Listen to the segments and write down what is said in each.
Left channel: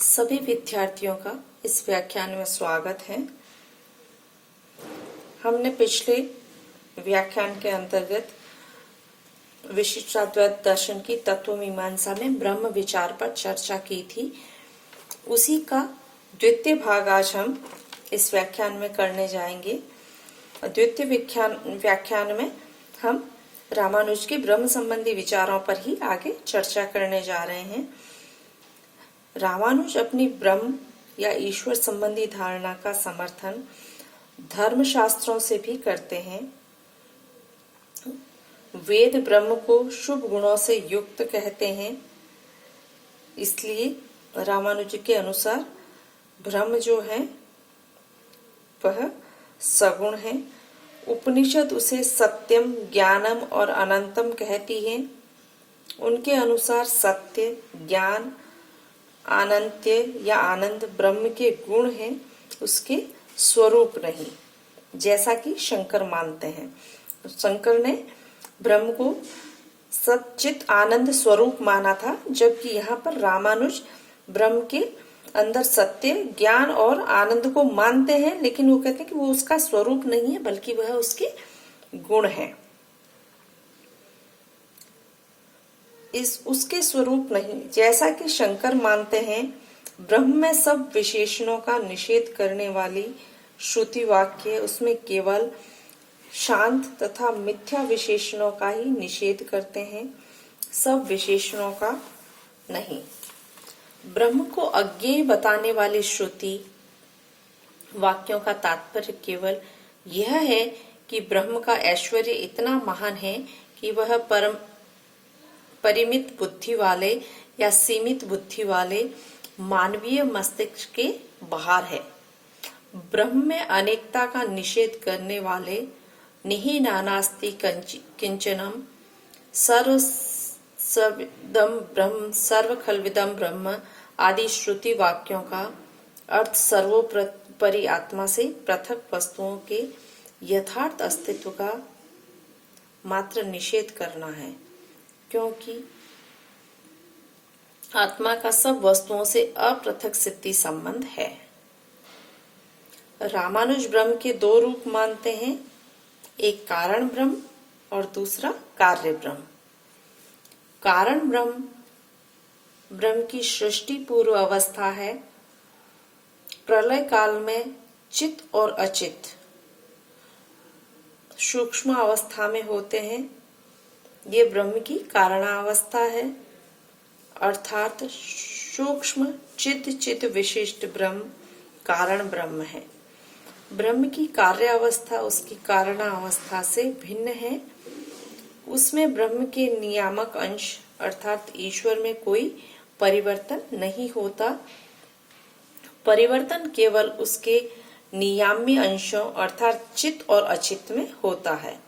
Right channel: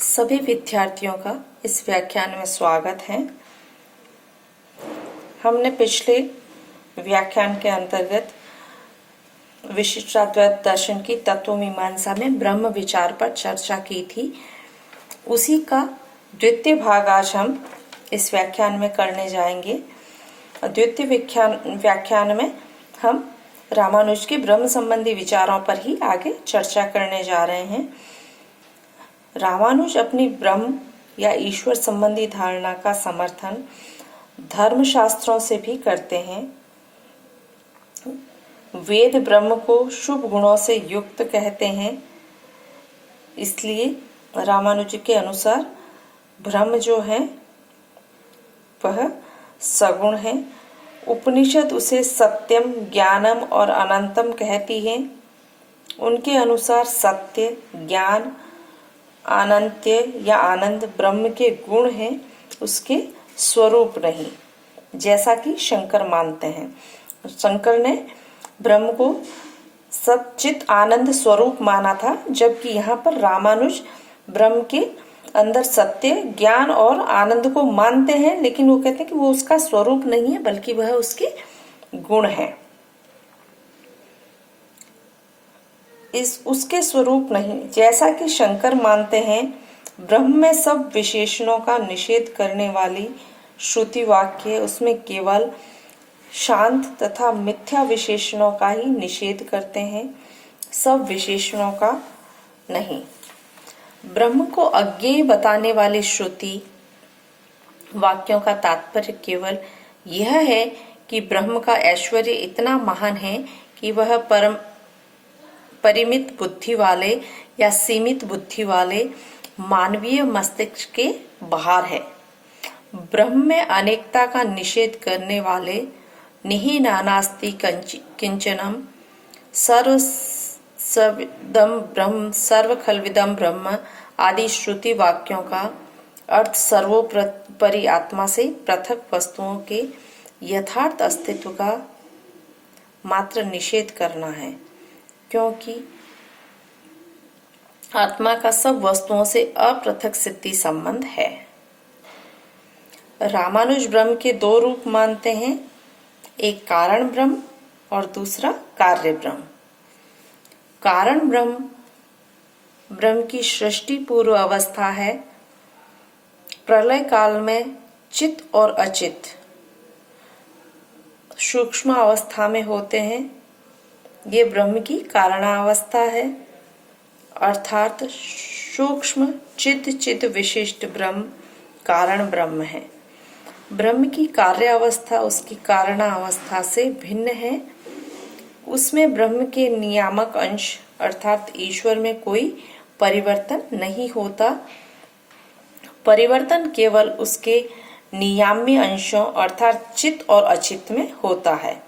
सभी विद्यार्थियों का इस व्याख्यान में स्वागत है। हमने पिछले व्याख्यान के अंतर्गत विशिष्टाद्वैत दर्शन की तत्व मीमांसा में ब्रह्म विचार पर चर्चा की थी। उसी का द्वितीय भाग आज हम इस व्याख्यान में करने जाएंगे। द्वितीय व्याख्यान में हम रामानुज के ब्रह्म संबंधी विचारों पर ही आगे चर्चा करने जा रहे हैं। रामानुज अपनी ब्रह्म या ईश्वर संबंधी धारणा का समर्थन धर्मशास्त्रों से भी करते हैं। वेद ब्रह्म को शुभ गुणों से युक्त कहते हैं, इसलिए रामानुज के अनुसार ब्रह्म जो है वह सगुण है। उपनिषद उसे सत्यम, ज्ञानम और अनंतम कहती है। उनके अनुसार सत्य, ज्ञान, अनंत्य या आनंद ब्रह्म के गुण हैं, उसके स्वरूप नहीं, जैसा कि शंकर मानते हैं। शंकर ने ब्रह्म को सच्चित आनंद स्वरूप माना था, जबकि यहाँ पर रामानुज ब्रह्म के अंदर सत्य, ज्ञान और आनंद को मानते हैं, लेकिन वो कहते हैं कि वो उसका स्वरूप नहीं है, बल्कि वह उसके गुण है। उसके स्वरूप नहीं, जैसा कि शंकर मानते हैं। ब्रह्म में सब विशेषणों का निषेध करने वाली श्रुति वाक्य उसमें केवल शांत तथा मिथ्या विशेषणों का ही निषेध करते हैं, सब विशेषणों का नहीं। ब्रह्म को अज्ञेय बताने वाली श्रुति वाक्यों का तात्पर्य केवल यह है कि ब्रह्म का ऐश्वर्य इतना महान है कि वह परिमित बुद्धि वाले या सीमित बुद्धि वाले मानवीय मस्तिष्क के बाहर है। ब्रह्म में अनेकता का निषेध करने वाले निहि नानास्ति किंचनम सर्वखलविदम ब्रह्म आदि श्रुति वाक्यों का अर्थ सर्वोपरि आत्मा से पृथक वस्तुओं के यथार्थ अस्तित्व का मात्र निषेध करना है, क्योंकि आत्मा का सब वस्तुओं से अपृथक सिद्धि संबंध है। रामानुज ब्रह्म के दो रूप मानते हैं, एक कारण ब्रह्म और दूसरा कार्य ब्रह्म। कारण ब्रह्म की सृष्टि पूर्व अवस्था है। प्रलय काल में चित और अचित सूक्ष्म अवस्था में होते हैं। ये ब्रह्म की कारणावस्था है, अर्थात सूक्ष्म चित विशिष्ट ब्रह्म कारण ब्रह्म है। ब्रह्म की कार्य अवस्था उसकी कारणावस्था से भिन्न है। उसमें ब्रह्म के नियामक अंश अर्थात ईश्वर में कोई परिवर्तन नहीं होता। परिवर्तन केवल उसके नियाम्य अंशों अर्थात चित और अचित में होता है।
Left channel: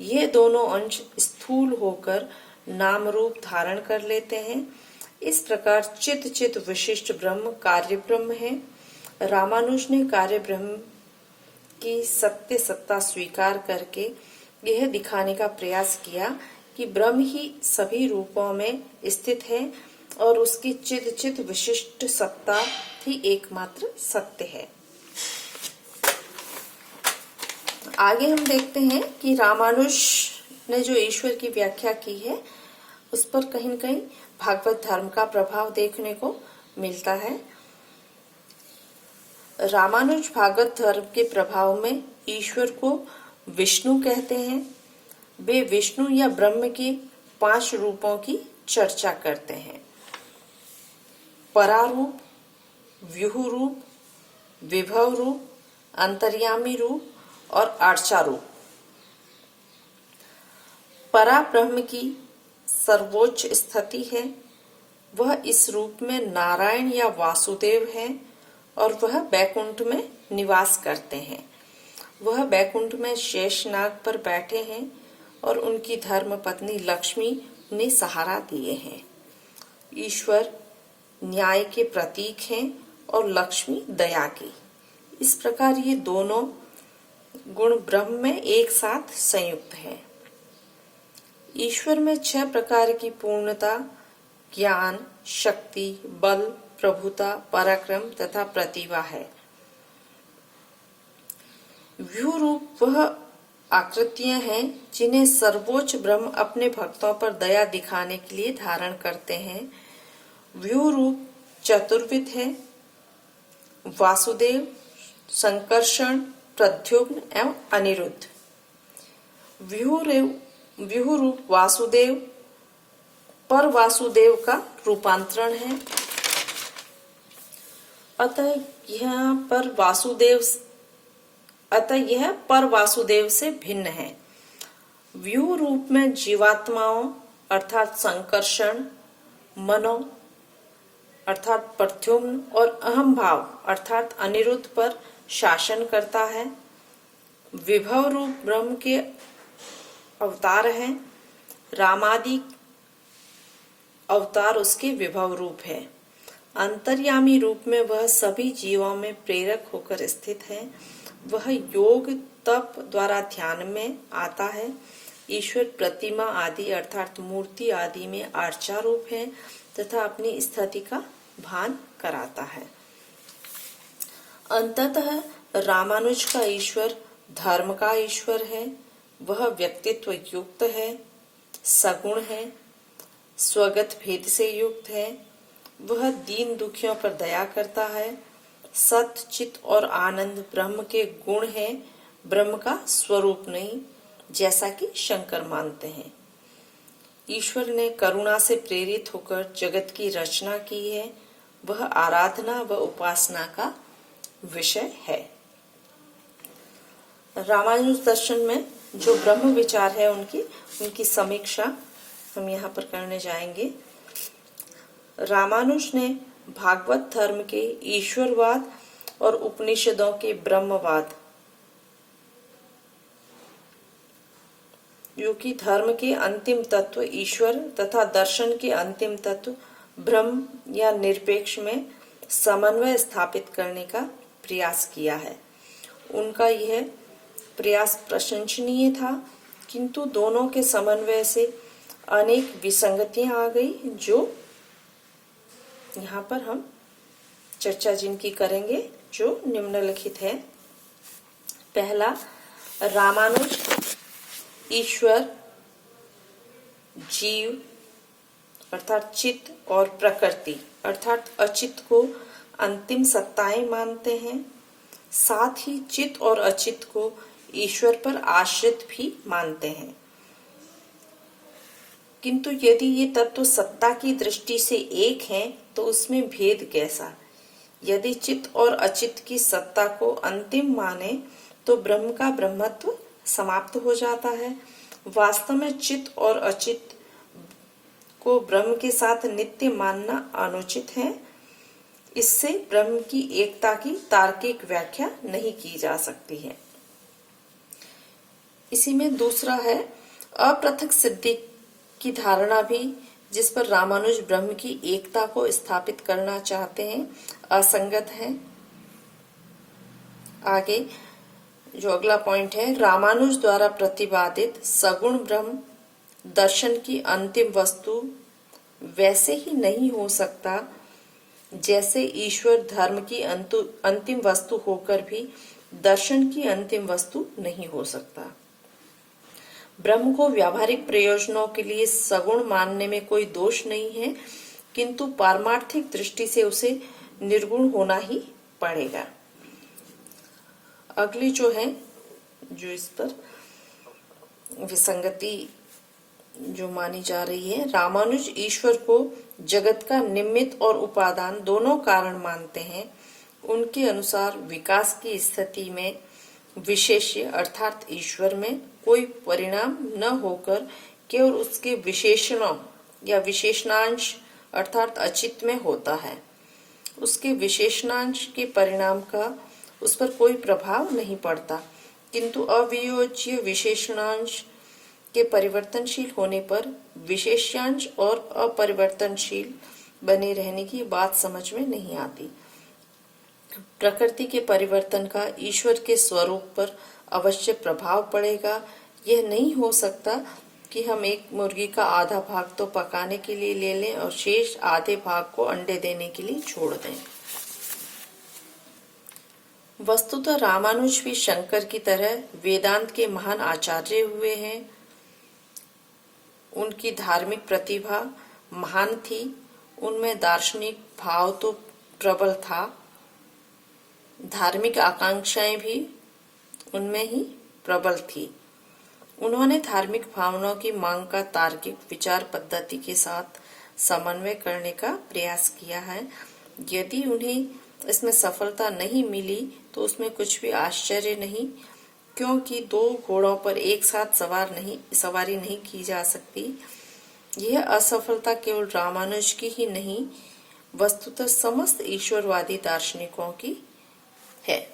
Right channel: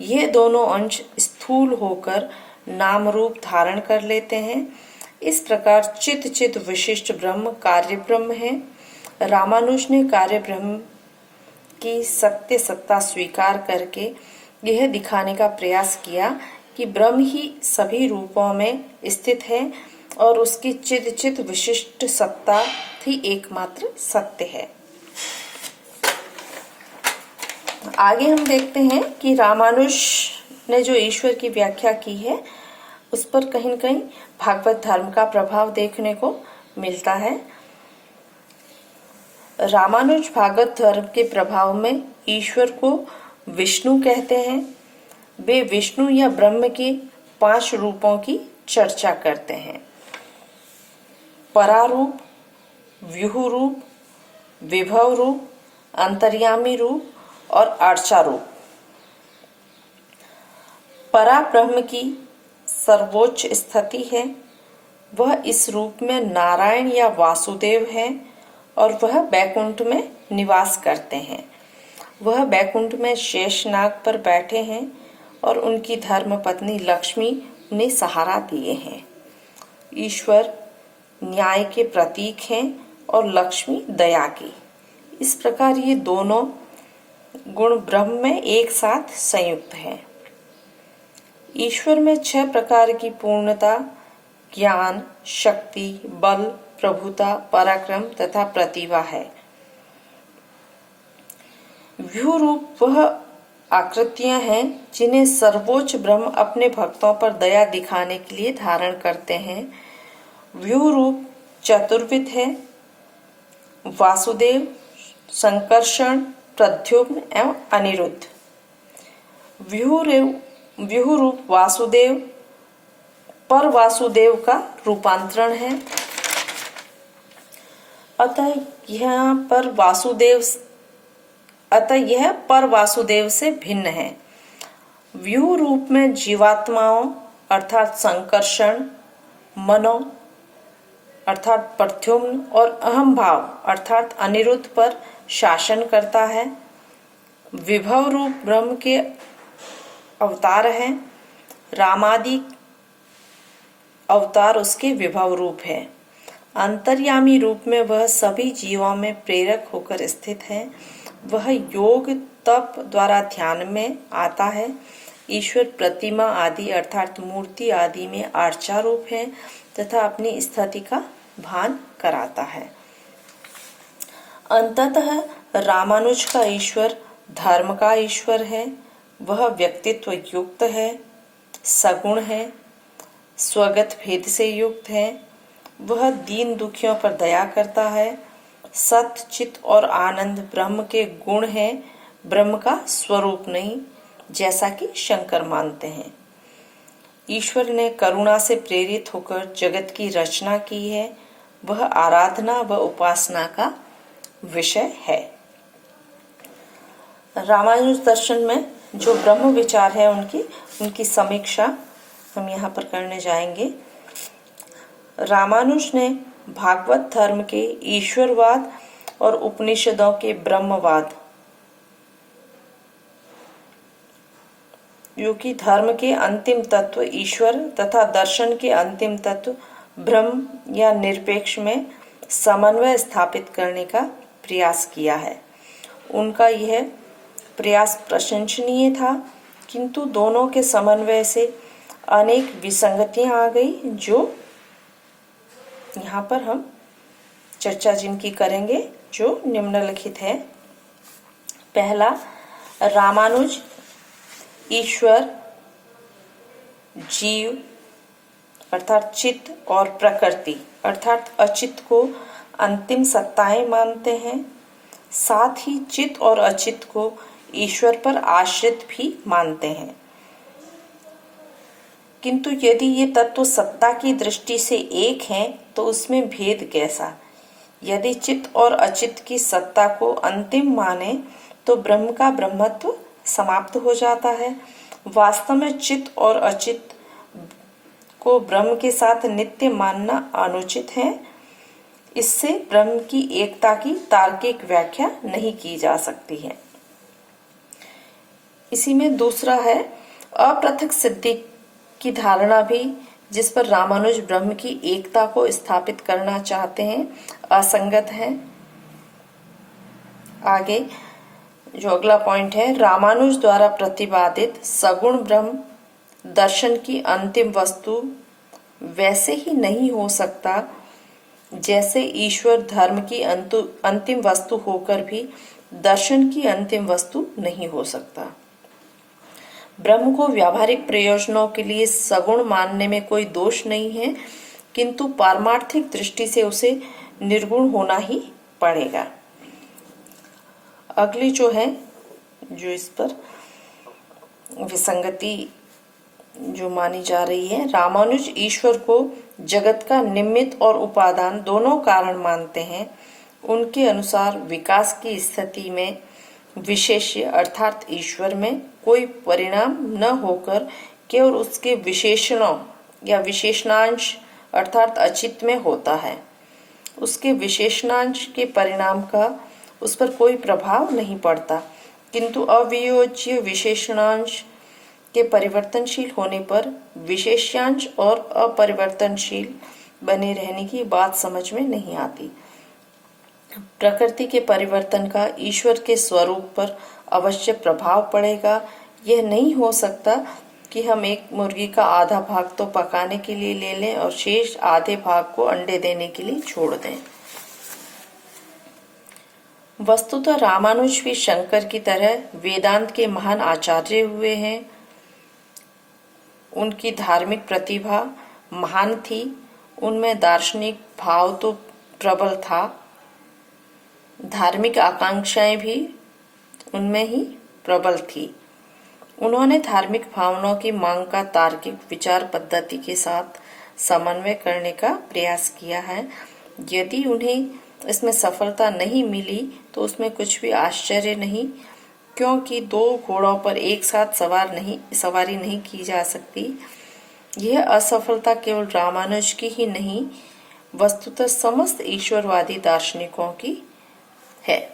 ये दोनों अंश स्थूल होकर नाम रूप धारण कर लेते हैं। इस प्रकार चित विशिष्ट ब्रह्म कार्य ब्रह्म है। रामानुज ने कार्य ब्रह्म की सत्य सत्ता स्वीकार करके यह दिखाने का प्रयास किया कि ब्रह्म ही सभी रूपों में स्थित है और उसकी चित विशिष्ट सत्ता ही एकमात्र सत्य है। आगे हम देखते हैं कि रामानुज ने जो ईश्वर की व्याख्या की है उस पर कहीं न कहीं भागवत धर्म का प्रभाव देखने को मिलता है। रामानुज भागवत धर्म के प्रभाव में ईश्वर को विष्णु कहते हैं। वे विष्णु या ब्रह्म के 5 रूपों की चर्चा करते हैं: परारूप, व्यूह रूप, विभव रूप, अंतर्यामी रूप और अर्चा रूप। परा ब्रह्म की सर्वोच्च स्थिति है। वह इस रूप में नारायण या वासुदेव है और वह बैकुंठ में निवास करते हैं। वह बैकुंठ में शेषनाग पर बैठे हैं और उनकी धर्म पत्नी लक्ष्मी उन्हें सहारा दिए हैं। ईश्वर न्याय के प्रतीक हैं और लक्ष्मी दया की। इस प्रकार ये दोनों गुण ब्रह्म में एक साथ संयुक्त हैं। ईश्वर में 6 प्रकार की पूर्णता ज्ञान, शक्ति, बल, प्रभुता, पराक्रम तथा प्रतिभा है। व्यूह रूप वह आकृतियां हैं जिन्हें सर्वोच्च ब्रह्म अपने भक्तों पर दया दिखाने के लिए धारण करते हैं। व्यूह रूप चतुर्विध है: वासुदेव, संकर्षण, प्रद्युम्न एवं अनिरुद्ध। व्यूह रूप वासुदेव पर वासुदेव का रूपांतरण है। अतः यह पर वासुदेव से भिन्न है। व्यूह रूप में जीवात्माओं अर्थात संकर्षण, मनो अर्थात प्रद्युम्न और अहम भाव अर्थात अनिरुद्ध पर शासन करता है। विभव रूप ब्रह्म के अवतार हैं। रामादि अवतार उसके विभव रूप है। अंतर्यामी रूप में वह सभी जीवों में प्रेरक होकर स्थित है। वह योग तप द्वारा ध्यान में आता है। ईश्वर प्रतिमा आदि अर्थात मूर्ति आदि में आर्चा रूप है तथा अपनी स्थिति का भान कराता है। अंततः रामानुज का ईश्वर धर्म का ईश्वर है। वह व्यक्तित्व युक्त है, सगुण है, स्वगत भेद से युक्त है। वह दीन दुखियों पर दया करता है। सत, चित और आनंद ब्रह्म के गुण हैं, ब्रह्म का स्वरूप नहीं, जैसा कि शंकर मानते हैं। ईश्वर ने करुणा से प्रेरित होकर जगत की रचना की है। वह आराधना व उपासना का विषय है। रामानुज दर्शन में जो ब्रह्म विचार है उनकी समीक्षा हम यहाँ पर करने जाएंगे। रामानुज ने भागवत धर्म के ईश्वरवाद और उपनिषदों के ब्रह्मवाद, जो कि धर्म के अंतिम तत्व ईश्वर तथा दर्शन के अंतिम तत्व ब्रह्म या निरपेक्ष में समन्वय स्थापित करने का प्रयास किया है। उनका यह प्रयास प्रशंसनीय था, किंतु दोनों के समन्वय से अनेक विसंगतियां आ गई, जो यहाँ पर हम चर्चा जिनकी करेंगे, जो निम्नलिखित है। पहला, रामानुज ईश्वर, जीव अर्थात चित्त और प्रकृति अर्थात अचित को अंतिम सत्ताएं मानते हैं। साथ ही चित्त और अचित को ईश्वर पर आश्रित भी मानते हैं। किंतु यदि ये तत्व सत्ता की दृष्टि से एक हैं, तो उसमें भेद कैसा? यदि चित्त और अचित की सत्ता को अंतिम माने तो ब्रह्म का ब्रह्मत्व समाप्त हो जाता है। वास्तव में चित्त और अचित को ब्रह्म के साथ नित्य मानना अनुचित है। इससे ब्रह्म की एकता की तार्किक व्याख्या नहीं की जा सकती है। इसी में दूसरा है, अपृथक सिद्धि की धारणा भी, जिस पर रामानुज ब्रह्म की एकता को स्थापित करना चाहते हैं, असंगत है। आगे जो अगला पॉइंट है, रामानुज द्वारा प्रतिपादित सगुण ब्रह्म दर्शन की अंतिम वस्तु वैसे ही नहीं हो सकता जैसे ईश्वर धर्म की अंतिम वस्तु होकर भी दर्शन की अंतिम वस्तु नहीं हो सकता। ब्रह्म को व्यावहारिक प्रयोजनों के लिए सगुण मानने में कोई दोष नहीं है, किंतु पारमार्थिक दृष्टि से उसे निर्गुण होना ही पड़ेगा। अगली जो है, जो इस पर विसंगति जो मानी जा रही है, रामानुज ईश्वर को जगत का निमित्त और उपादान दोनों कारण मानते हैं। उनके अनुसार विकास की स्थिति में विशेष्य अर्थात ईश्वर में कोई परिणाम न होकर केवल उसके विशेषणों या विशेषणांश अर्थात अचित में होता है। उसके विशेषणांश के परिणाम का उस पर कोई प्रभाव नहीं पड़ता, किंतु अवियोज्य विशेषणांश के परिवर्तनशील होने पर विशेष्यांश और अपरिवर्तनशील बने रहने की बात समझ में नहीं आती। प्रकृति के परिवर्तन का ईश्वर के स्वरूप पर अवश्य प्रभाव पड़ेगा। यह नहीं हो सकता कि हम एक मुर्गी का आधा भाग तो पकाने के लिए ले लें और शेष आधे भाग को अंडे देने के लिए छोड़ दें। वस्तुतः रामानुज भी शंकर की तरह वेदांत के महान आचार्य हुए हैं। उनकी धार्मिक प्रतिभा महान थी, उनमें दार्शनिक भाव तो प्रबल था, धार्मिक आकांक्षाएं भी उनमें ही प्रबल थी। उन्होंने धार्मिक भावनाओं की मांग का तार्किक विचार पद्धति के साथ समन्वय करने का प्रयास किया है। यदि उन्हें इसमें सफलता नहीं मिली तो उसमें कुछ भी आश्चर्य नहीं, क्योंकि दो घोड़ों पर एक साथ सवारी नहीं की जा सकती। यह असफलता केवल रामानुज की ही नहीं, वस्तुतः समस्त ईश्वरवादी दार्शनिकों की है।